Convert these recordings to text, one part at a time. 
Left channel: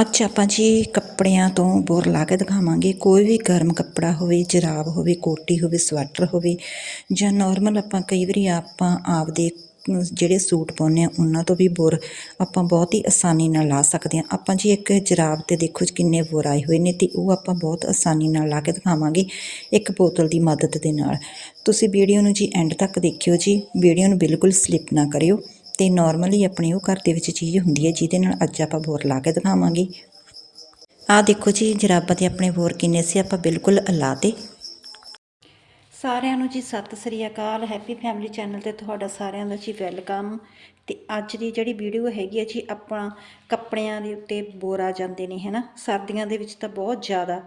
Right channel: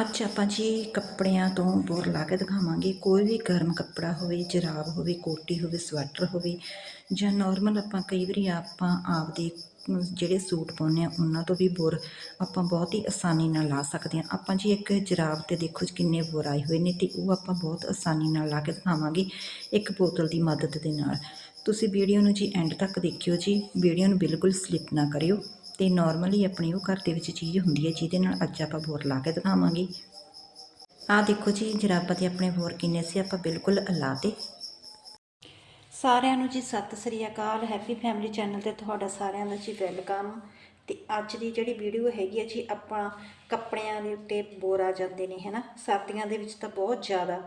ਅੱਜ ਆਪਾਂ ਜੀ ਕੱਪੜਿਆਂ ਤੋਂ ਬੋਰ ਲਾ ਕੇ ਦਿਖਾਵਾਂਗੇ। ਕੋਈ ਵੀ ਗਰਮ ਕੱਪੜਾ ਹੋਵੇ, ਜਰਾਬ ਹੋਵੇ, ਕੋਟੀ ਹੋਵੇ, ਸਵੈਟਰ ਹੋਵੇ ਜਾਂ ਨਾਰਮਲ ਆਪਾਂ ਕਈ ਵਾਰੀ ਆਪਾਂ ਆਪਦੇ ਜਿਹੜੇ ਸੂਟ ਪਾਉਂਦੇ ਆ ਉਹਨਾਂ ਤੋਂ ਵੀ ਬੁਰ ਆਪਾਂ ਬਹੁਤ ਹੀ ਆਸਾਨੀ ਨਾਲ ਲਾ ਸਕਦੇ ਹਾਂ। ਆਪਾਂ ਜੀ ਇੱਕ ਜਰਾਬ ਤੇ ਦੇਖੋ ਜੀ ਕਿੰਨੇ ਬੁਰ ਆਏ ਹੋਏ ਨੇ ਤੇ ਉਹ ਆਪਾਂ ਬਹੁਤ ਆਸਾਨੀ ਨਾਲ ਲਾ ਕੇ ਦਿਖਾਵਾਂਗੇ ਇੱਕ ਬੋਤਲ ਦੀ ਮਦਦ ਦੇ ਨਾਲ। ਤੁਸੀਂ ਵੀਡੀਓ ਨੂੰ ਜੀ ਐਂਡ ਤੱਕ ਦੇਖਿਓ ਜੀ। ਵੀਡੀਓ ਨੂੰ ਬਿਲਕੁਲ ਸਲਿੱਪ ਨਾ ਕਰਿਓ। ਤੇ ਨਾਰਮਲੀ ਆਪਣੇ ਉਹ ਘਰ ਦੇ ਵਿੱਚ ਚੀਜ਼ ਹੁੰਦੀ ਹੈ, ਜਿਹਦੇ ਨਾਲ ਅੱਜ ਆਪਾਂ ਬੋਰ ਲਾ ਕੇ ਦਿਖਾਵਾਂਗੇ। ਆਹ ਦੇਖੋ ਜੀ ਜਰਾਬਾਂ ਦੇ ਆਪਣੇ ਬੋਰ ਕਿੰਨੇ ਸੀ, ਆਪਾਂ ਬਿਲਕੁਲ ਲਾ ਤੇ। ਸਾਰਿਆਂ ਨੂੰ ਜੀ ਸਤਿ ਸ੍ਰੀ ਅਕਾਲ ਹੈਪੀ ਫੈਮਿਲੀ ਚੈਨਲ ਤੇ ਤੁਹਾਡਾ ਸਾਰਿਆਂ ਦਾ ਜੀ ਵੈਲਕਮ ਤੇ ਅੱਜ ਦੀ ਜਿਹੜੀ ਵੀਡੀਓ ਹੈਗੀ ਹੈ ਜੀ, ਆਪਾਂ ਕੱਪੜਿਆਂ ਦੇ ਉੱਤੇ ਬੋਰ ਆ ਜਾਂਦੇ ਨੇ, ਹੈਨਾ? ਸਰਦੀਆਂ ਦੇ ਵਿੱਚ ਤਾਂ ਬਹੁਤ ਜ਼ਿਆਦਾ।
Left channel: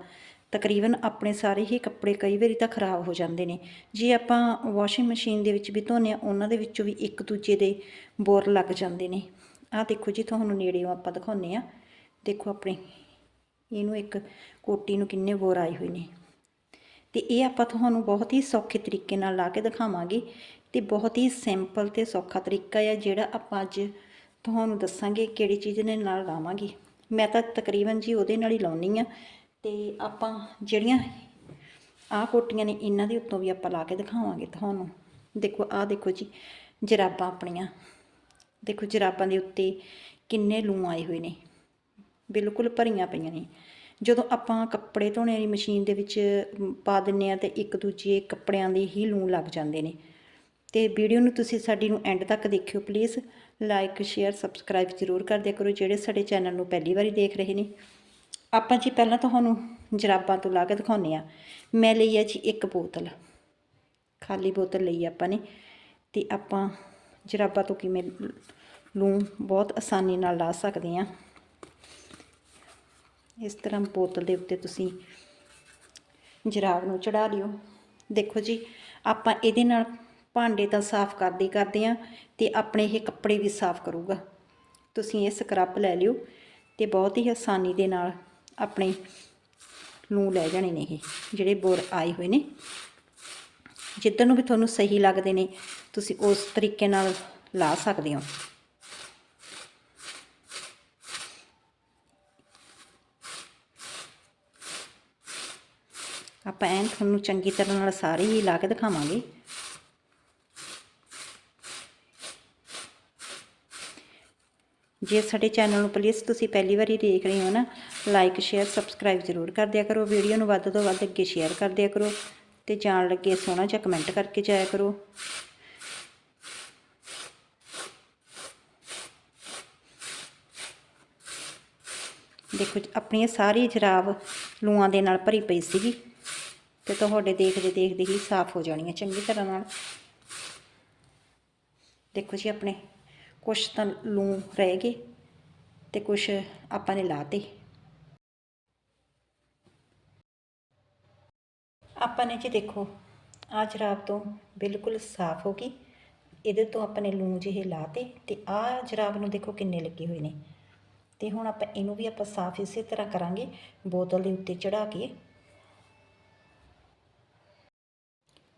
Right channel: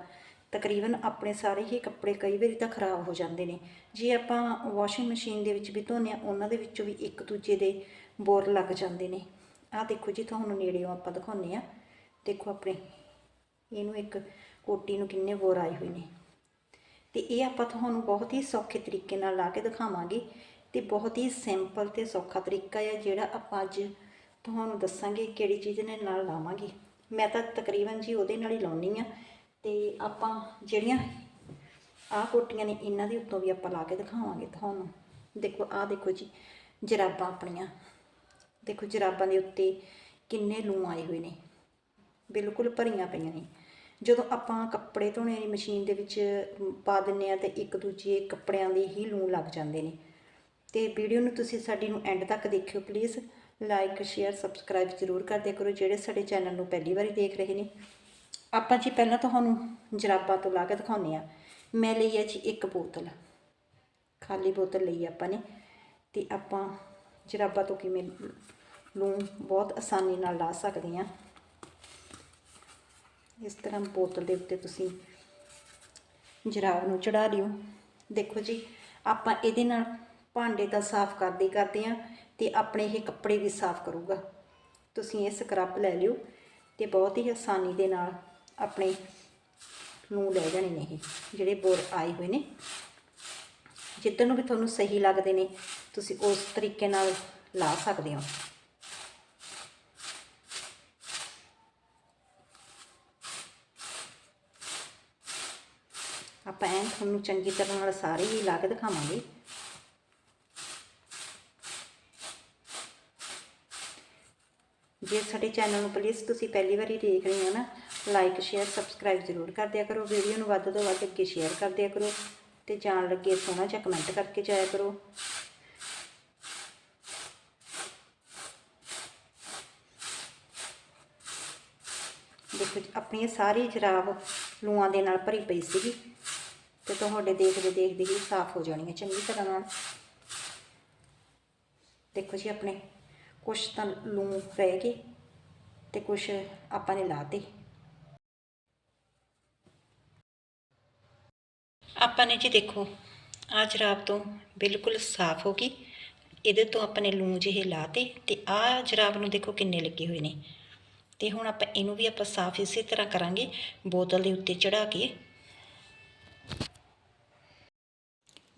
ਤਕਰੀਬਨ ਆਪਣੇ ਸਾਰੇ ਹੀ ਕੱਪੜੇ ਕਈ ਵਾਰੀ ਤਾਂ ਖਰਾਬ ਹੋ ਜਾਂਦੇ ਨੇ। ਜੇ ਆਪਾਂ ਵਾਸ਼ਿੰਗ ਮਸ਼ੀਨ ਦੇ ਵਿੱਚ ਵੀ ਧੋਨੇ ਆ, ਉਹਨਾਂ ਦੇ ਵਿੱਚੋਂ ਵੀ ਇੱਕ ਦੂਜੇ ਦੇ ਬੋਰ ਲੱਗ ਜਾਂਦੇ ਨੇ। ਆਹ ਦੇਖੋ ਜੀ, ਤੁਹਾਨੂੰ ਨੇੜਿਓਂ ਆਪਾਂ ਦਿਖਾਉਂਦੇ ਆ ਦੇਖੋ ਆਪਣੇ, ਇਹਨੂੰ ਇੱਕ ਕੋਟੀ ਨੂੰ ਕਿੰਨੇ ਬੋਰ ਆਏ ਹੋਏ ਨੇ। ਤੇ ਇਹ ਆਪਾਂ ਤੁਹਾਨੂੰ ਬਹੁਤ ਹੀ ਸੌਖੇ ਤਰੀਕੇ ਨਾਲ ਲਾ ਕੇ ਦਿਖਾਵਾਂਗੇ ਤੇ ਬਹੁਤ ਹੀ ਸਿੰਪਲ ਤੇ ਸੌਖਾ ਤਰੀਕਾ ਹੈ ਜਿਹੜਾ ਆਪਾਂ ਅੱਜ ਤੁਹਾਨੂੰ ਦੱਸਾਂਗੇ ਕਿਹੜੀ ਚੀਜ਼ ਦੇ ਨਾਲ ਲਾਵਾਂਗੇ। ਮੈਂ ਤਾਂ ਤਕਰੀਬਨ ਜੀ ਉਹਦੇ ਨਾਲ ਹੀ ਲਾਉਣੀ ਆ ਤੇ ਆਪਾਂ ਜਿਹੜੀਆਂ ਆਹ ਕੋਟੀਆਂ ਨੇ, ਇਹਨਾਂ ਦੇ ਉੱਤੋਂ ਵੀ ਆਪਾਂ ਲਾ ਕੇ ਦਿਖਾਵਾਂਗੇ ਤੁਹਾਨੂੰ। ਦੇਖੋ, ਆਹ ਦੇਖੋ ਜੀ, ਜਰਾਬਾਂ ਆਪਣੀਆਂ। ਦੇਖੋ, ਜਰਾਬਾਂ ਦੇ ਉੱਤੇ ਕਿੰਨੇ ਲੂ ਆਏ ਹੋਏ ਨੇ। ਬਿਲਕੁਲ ਭਰੀਆਂ ਪਈਆਂ ਨੇ। ਜਦੋਂ ਆਪਾਂ ਕੱਪੜੇ ਧੋਣੇ ਵਾਲੀ ਮਸ਼ੀਨ ਦੇ ਵਿੱਚ ਪਾ ਦਿੰਨੇ ਆ ਤੇ ਇੱਕ ਦੂਜੇ ਕੱਪੜਿਆਂ ਦੇ ਹੀ ਲੂ ਲੱਗ ਜਾਂਦੇ ਨੇ। ਤੇ ਵੀਡੀਓ ਨੂੰ ਤੁਸੀਂ ਸਾਡੀ ਨੂੰ ਐਂਡ ਤੱਕ ਦੇਖਿਓ, ਪਲੀਜ਼। ਲਾਈਕ, ਸ਼ੇਅਰ, ਸਬਸਕ੍ਰਾਈਬ ਜ਼ਰੂਰ ਕਰ ਦਿਆ ਕਰੋ, ਜਿਹੜੇ ਸਾਡੇ ਚੈਨਲ ਨੂੰ ਪਹਿਲੀ ਵਾਰੀ ਦੇਖ ਰਹੇ ਨੇ। ਆਪਾਂ ਜੀ ਪਹਿਲਾਂ ਤੁਹਾਨੂੰ ਜਰਾਬਾਂ ਤੋਂ ਲਾ ਕੇ ਦਿਖਾਉਂਦੇ ਆ ਮੈਂ ਲਈ ਹੈ ਜੀ ਇੱਕ ਬੋਤਲ। ਖਾਲੀ ਬੋਤਲ ਲਈ ਆਪਾਂ ਨੇ। ਤੇ ਆਪਾਂ ਜਰਾਬਾਂ ਤੋਂ ਕਿਵੇਂ ਲੂਣ ਬਹੁਤ ਆਸਾਨੀ ਨਾਲ ਲਾ ਸਕਦੇ ਆ ਇਸ ਤਰ੍ਹਾਂ ਬੋਤਲ ਦੇ ਉੱਤੇ ਤੁਸੀਂ ਜਰਾਬ ਨੂੰ ਚੜਾ ਲਿਓ। ਦੇਖੋ ਜੀ, ਆਪਾਂ ਇਹਦੇ ਨਾਲ ਭਾਂਡੇ ਤਾਂ ਸਾਫ਼ ਕਰਦੇ ਕਰਦੇ ਆ ਤੇ ਆਪਣੇ ਇਹ ਕੱਪੜੇ ਵੀ ਸਾਫ਼ ਕਰੂਗਾ। ਤੁਸੀਂ ਇਹ ਸਕਰੱਬ ਲੈ ਲਿਓ ਤੇ ਬਹੁਤ ਹੀ ਆਸਾਨੀ ਦੇ ਨਾਲ ਆਪਣੇ ਲੂੰ ਲੈ ਜਾਣੇ ਨੇ ਇਹ, ਜਿਹੜੇ ਬੋਰ ਆਏ ਹੋਏ ਨੇ। ਜਿੱਦਾਂ ਨੂੰ ਵੀ ਤੁਹਾਨੂੰ ਸਹੀ ਲੱਗਦੇ ਨੇ, ਤੁਸੀਂ ਉਸ ਤਰੀਕੇ ਨਾਲ ਲਾ ਸਕਦੇ ਹੋ। ਆਪਾਂ ਐਂ ਤੁਹਾਨੂੰ ਚੰਗੀ ਤਰ੍ਹਾਂ ਨਾਲ ਸਾਰੇ ਹੀ ਲਾ ਕੇ ਦਿਖਾਵਾਂਗੇ। ਜੇ ਸਾਡੇ ਚੈਨਲ ਨੂੰ ਪਲੀਜ਼ ਤੁਸੀਂ ਪਹਿਲੀ ਵਾਰੀ ਦੇਖ ਰਹੇ ਹੋ ਨਾ ਲਾਈਕ ਸ਼ੇਅਰ ਸਬਸਕ੍ਰਾਈਬ ਜ਼ਰੂਰ ਕਰ ਦਿਆ ਕਰੋ। ਵੀਡੀਓ ਨੂੰ ਵੱਧ ਤੋਂ ਵੱਧ ਅੱਗੇ ਸ਼ੇਅਰ ਕਰ ਦਿਆ ਕਰੋ ਤੇ ਜਾਣ ਲੱਗੇ ਸੋਹਣਾ ਜਿਹਾ ਕਮੈਂਟ ਕਰਕੇ ਜਾਇਆ ਕਰੋ। ਦੇਖੋ ਜੀ, ਆਪਣੀ ਸਾਰੀ ਜਰਾਬ ਲੂਆਂ ਦੇ ਨਾਲ ਭਰੀ ਪਈ ਸੀਗੀ ਤੇ ਤੁਹਾਡੇ ਦੇਖਦੇ ਦੇਖਦੇ ਹੀ ਸਾਫ਼ ਹੋ ਜਾਣੀ ਹੈ ਚੰਗੀ ਤਰ੍ਹਾਂ ਨਾਲ। ਦੇਖੋ ਜੀ ਆਪਣੇ ਕੁਛ ਤਾਂ ਲੂਣ ਰਹਿ ਗਏ ਤੇ ਕੁਛ ਆਪਾਂ ਨੇ ਲਾਤੇ। ਆਪਾਂ ਨੇ ਜੀ ਦੇਖੋ, ਆਹ ਜਰਾਬ ਤੋਂ ਬਿਲਕੁਲ ਸਾਫ਼ ਹੋ ਗਈ। ਇਹਦੇ ਤੋਂ ਆਪਾਂ ਨੇ ਲੂੰ ਜਿਹੇ ਲਾਤੇ ਤੇ ਆਹ ਜਰਾਬ ਨੂੰ ਦੇਖੋ ਕਿੰਨੇ ਲੱਗੇ ਹੋਏ ਨੇ। ਤੇ ਹੁਣ ਆਪਾਂ ਇਹਨੂੰ ਵੀ ਆਪਾਂ ਸਾਫ਼ ਇਸੇ ਤਰ੍ਹਾਂ ਕਰਾਂਗੇ, ਬੋਤਲ ਦੇ ਉੱਤੇ ਚੜਾ ਕੇ।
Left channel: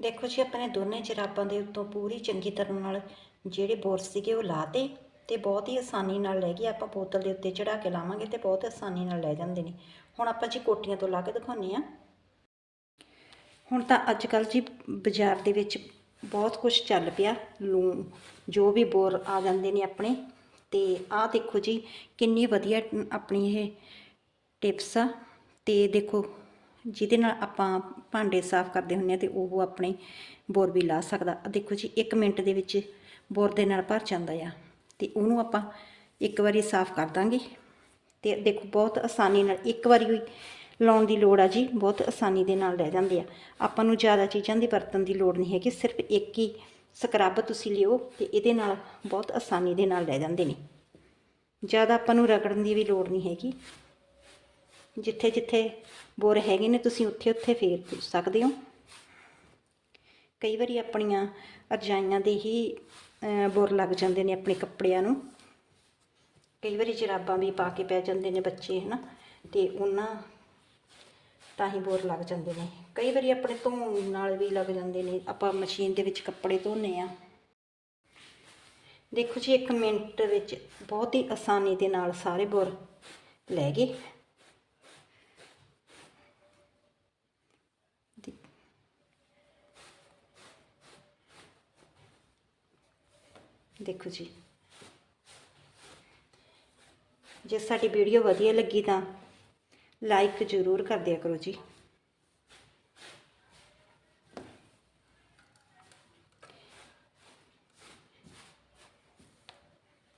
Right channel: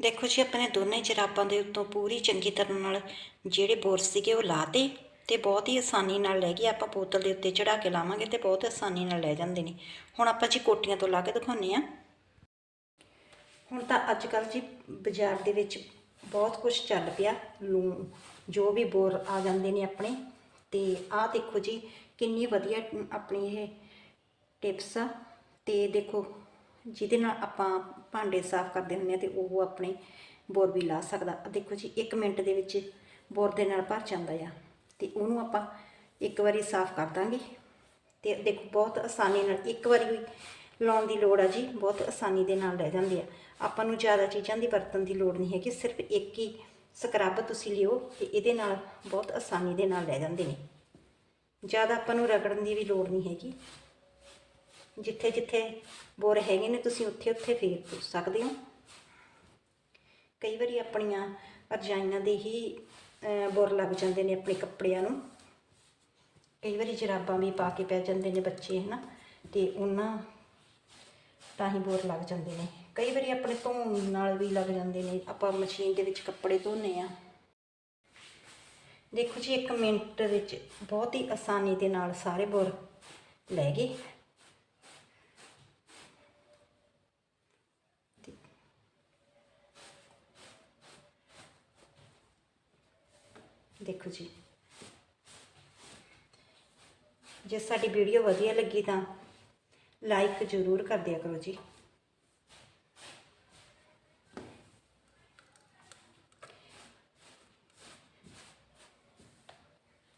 ਦੇਖੋ ਜੀ ਆਪਣੇ ਦੋਨੇ ਜਰਾਬਾਂ ਦੇ ਉੱਤੋਂ ਪੂਰੀ ਚੰਗੀ ਤਰ੍ਹਾਂ ਨਾਲ ਜਿਹੜੇ ਬੋਰਸ ਸੀਗੇ ਉਹ ਲਾਤੇ ਤੇ ਬਹੁਤ ਹੀ ਆਸਾਨੀ ਨਾਲ ਲੈ ਗਏ। ਆਪਾਂ ਬੋਤਲ ਦੇ ਉੱਤੇ ਚੜਾ ਕੇ ਲਾਵਾਂਗੇ ਤੇ ਬਹੁਤ ਆਸਾਨੀ ਨਾਲ ਲੈ ਜਾਂਦੇ ਨੇ। ਹੁਣ ਆਪਾਂ ਜੀ ਕੋਟੀਆਂ ਤੋਂ ਲਾ ਕੇ ਦਿਖਾਉਂਦੇ ਆ ਹੁਣ ਤਾਂ ਅੱਜ ਕੱਲ੍ਹ ਜੀ ਬਾਜ਼ਾਰ ਦੇ ਵਿੱਚ ਬਹੁਤ ਕੁਝ ਚੱਲ ਪਿਆ, ਲੂਣ, ਜੋ ਵੀ ਬੋਰ ਆ ਜਾਂਦੇ ਨੇ ਆਪਣੇ। ਤੇ ਆਹ ਦੇਖੋ ਜੀ, ਕਿੰਨੀ ਵਧੀਆ ਆਪਣੀ ਇਹ ਟਿਪਸ ਆ। ਤੇ ਦੇਖੋ, ਜਿਹਦੇ ਨਾਲ ਆਪਾਂ ਭਾਂਡੇ ਸਾਫ਼ ਕਰਦੇ ਹੁੰਦੇ ਆ ਤੇ ਉਹ ਆਪਣੇ ਬੋਰ ਵੀ ਲਾ ਸਕਦਾ। ਦੇਖੋ ਜੀ 1 ਮਿੰਟ ਦੇ ਵਿੱਚ ਬੋਰ ਦੇ ਨਾਲ ਭਰ ਜਾਂਦਾ ਆ। ਤੇ ਉਹਨੂੰ ਆਪਾਂ ਇੱਕ ਵਾਰੀ ਸਾਫ਼ ਕਰ ਦਾਂਗੇ। ਤੇ ਦੇਖੋ, ਬਹੁਤ ਆਸਾਨੀ ਨਾਲ ਇੱਕ ਵਾਰੀ ਹੋਈ ਲਾਉਣ ਦੀ ਲੋੜ ਆ ਜੀ ਬਹੁਤ ਆਸਾਨੀ ਦੇ ਨਾਲ ਲੈ ਜਾਂਦੇ ਆ। ਆਪਾਂ ਨੂੰ ਜ਼ਿਆਦਾ ਚੀਜ਼ਾਂ ਦੀ ਵਰਤਣ ਦੀ ਲੋੜ ਨਹੀਂ ਹੈਗੀ ਸਿਰਫ ਇੱਕ ਹੀ ਸਕਰਬ ਤੁਸੀਂ ਲਿਓ ਤੇ ਇਹਦੇ ਨਾਲ ਬਹੁਤ ਆਸਾਨੀ ਦੇ ਨਾਲ ਲੈ ਜਾਂਦੇ ਨੇ। ਜ਼ਿਆਦਾ ਆਪਾਂ ਨੂੰ ਰਗੜਨ ਦੀ ਵੀ ਲੋੜ ਨਹੀਂ ਹੈਗੀ। ਜਿੱਥੇ ਜਿੱਥੇ ਬੋਰ ਹੈਗੇ ਨੇ ਤੁਸੀਂ ਉੱਥੇ ਉੱਥੇ ਫੇਰ ਪੁੱਛ ਸਕਦੇ ਹੋ। ਕਈ ਵਾਰੀ ਆਪਣੀਆਂ ਰਜਾਈਆਂ ਦੇ ਹੀ ਅਹ, ਬੋਰ ਲੱਗ ਜਾਂਦੇ ਨੇ ਆਪਣੇ ਕੱਪੜਿਆਂ ਨੂੰ। ਕਈ ਵਾਰੀ ਜਰਾਬਾਂ ਵੀ ਪਾ ਕੇ ਪੈ ਜਾਂਦੇ ਨੇ ਬੱਚੇ ਹਨਾ। ਤੇ ਉਹਨਾਂ ਤਾਂ ਹੀ ਬੋਰ ਲੱਗ ਜਾਂਦੇ ਨੇ। ਕਈ ਵਾਰੀ ਆਪਣੇ ਧੋਣ ਨਾਲ ਵੀ ਲੱਗ ਜਾਂਦੇ ਨੇ। ਆਪਾਂ ਮਸ਼ੀਨ ਦੇ ਵਿੱਚ ਕੱਪੜੇ ਧੋਨੇ ਆ। ਦੇਖੋ ਜੀ 1 ਮਿੰਟ ਵਿੱਚ ਬਹੁਤ ਹੀ ਆਸਾਨੀ ਦੇ ਨਾਲ ਸਾਰੇ ਬੋਰ ਲੈ ਗਏ। ਦੇਖੋ ਜੀ। ਜੇ ਸਾਡੀ ਵੀਡੀਓ ਵਧੀਆ ਲੱਗੀ ਤਾਂ ਲਾਈਕ ਜ਼ਰੂਰ ਕਰ ਦਿਆ ਕਰੋ ਜੀ।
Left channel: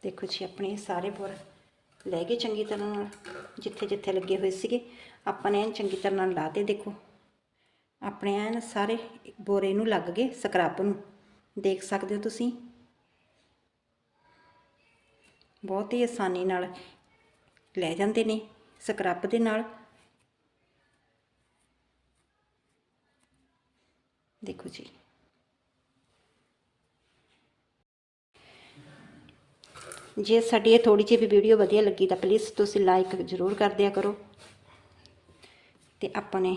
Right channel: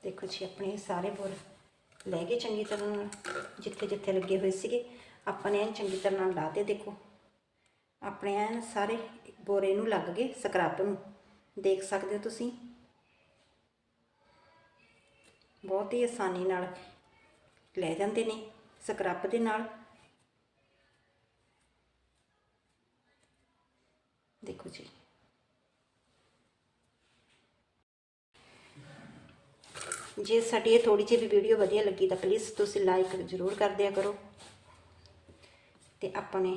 ਦੇਖੋ ਜੀ, ਆਪਣੇ ਸਾਰੇ ਬੋਰ ਲੈ ਗਏ ਚੰਗੀ ਤਰ੍ਹਾਂ ਨਾਲ, ਜਿੱਥੇ ਜਿੱਥੇ ਲੱਗੇ ਹੋਏ ਸੀਗੇ। ਆਪਾਂ ਨੇ ਐਨ ਚੰਗੀ ਤਰ੍ਹਾਂ ਨਾਲ ਲਾ ਤੇ ਦੇਖੋ। ਆਪਣੇ ਐਨ ਸਾਰੇ ਬੋਰੇ ਨੂੰ ਲੱਗ ਗਏ ਸਕਰੱਬ ਨੂੰ। ਦੇਖ ਸਕਦੇ ਹੋ ਤੁਸੀਂ? ਬਹੁਤ ਹੀ ਆਸਾਨੀ ਨਾਲ ਲੈ ਜਾਂਦੇ ਨੇ। ਸਕਰੱਪ ਦੇ ਨਾਲ। ਦੇਖੋ ਜੀ। ਜੇ ਸਾਡੀ ਇਹ ਥੋੜੀ ਜਿਹੀ ਵੀ ਵੀਡੀਓ ਵਧੀਆ ਲੱਗੀ ਤਾਂ ਪਲੀਜ਼ ਤੁਸੀਂ ਲਾਈਕ ਜ਼ਰੂਰ ਕਰ ਦਿਆ ਕਰੋ। ਤੇ ਆਪਣੇ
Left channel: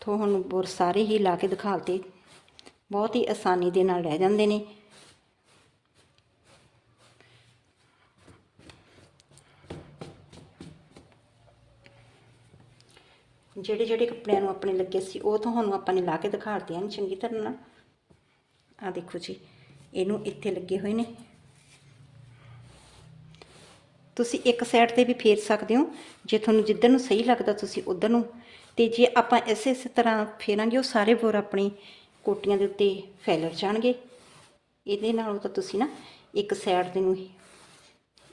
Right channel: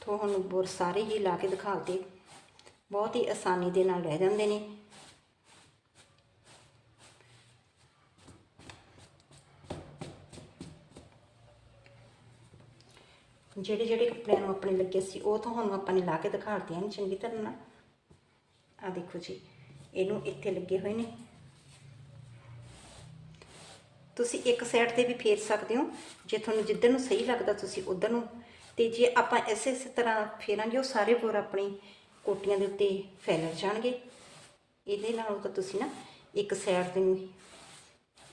ਤੁਹਾਨੂੰ ਬੋਰ ਸਾਰੇ ਹੀ ਲਾ ਕੇ ਦਿਖਾਲਤੇ ਬਹੁਤ ਹੀ ਆਸਾਨੀ ਦੇ ਨਾਲ ਰਹਿ ਜਾਂਦੇ ਨੇ। ਜਿਹੜੇ ਜਿਹੜੇ ਕੱਪੜਿਆਂ ਨੂੰ ਆਪਣੇ ਲੱਗੇ ਸੀ, ਉਹ ਤੁਹਾਨੂੰ ਆਪਾਂ ਨੇ ਲਾ ਕੇ ਦਿਖਾਲਤੇ ਹਨ ਚੰਗੀ ਤਰ੍ਹਾਂ ਨਾਲ। ਆ ਦੇਖੋ ਜੀ, ਇਹਨੂੰ ਇੱਥੇ ਲੱਗੇ ਹੋਏ ਨੇ। ਤੁਸੀਂ ਇੱਕ ਸਾਈਡ ਤੇ ਵੀ ਫੇਰ ਸਕਦੇ ਹੋ, ਜੇ ਤੁਹਾਨੂੰ ਜਿੱਧਰ ਨੂੰ ਸਹੀ ਲੱਗਦਾ ਤੁਸੀਂ ਉਧਰ ਨੂੰ। ਤੇ ਜੇ ਆਪਾਂ ਇਸੇ ਇਸੇ ਤਰ੍ਹਾਂ ਫੇਰਾਂਗੇ, ਉਹ ਸਾਰੇ ਬੋਰ ਆਪਣੀ ਕੋਟੀਆਂ ਦੇ ਉੱਤੇ ਫੈਲ ਜਾਣਗੇ। ਇਹਦੇ ਨਾਲੋਂ ਤਾਂ ਤੁਸੀਂ ਨਾ ਇੱਕ ਸਾਈਡ ਤੇ ਨੂੰ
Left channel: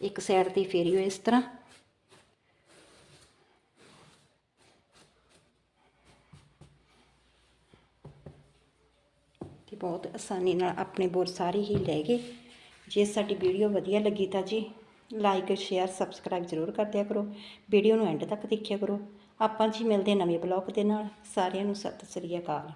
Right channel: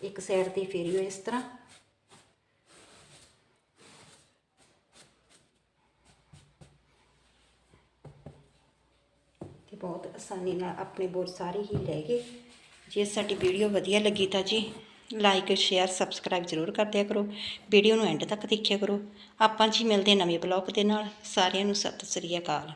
ਇੱਕ ਸਾਈਡ ਤੇ ਫੇਰਿਓ ਇਸ ਤਰ੍ਹਾਂ। ਬਹੁਤ ਆਸਾਨੀ ਨਾਲ ਆਪਣੇ ਬੋਰ ਸਾਰੇ ਹੀ ਲੈ ਗਏ। ਜੇ ਸਾਡੀ ਵੀਡੀਓ ਵਧੀਆ ਲੱਗੀ ਤਾਂ ਜੀ ਲਾਈਕ ਸ਼ੇਅਰ ਸਬਸਕ੍ਰਾਈਬ ਜ਼ਰੂਰ ਕਰ ਦਿਆ ਕਰੋ। ਵੀਡੀਓ ਨੂੰ ਐਂਡ ਤੱਕ ਦੇਖਿਆ ਕਰੋ। ਆਪਾਂ ਜੀ ਮਿਲਦੇ ਨਵੇਂ ਬਲੌਗ ਦੇ ਨਾਲ। ਸਾਰਿਆਂ ਨੂੰ ਸਤਿ ਸ੍ਰੀ ਅਕਾਲ।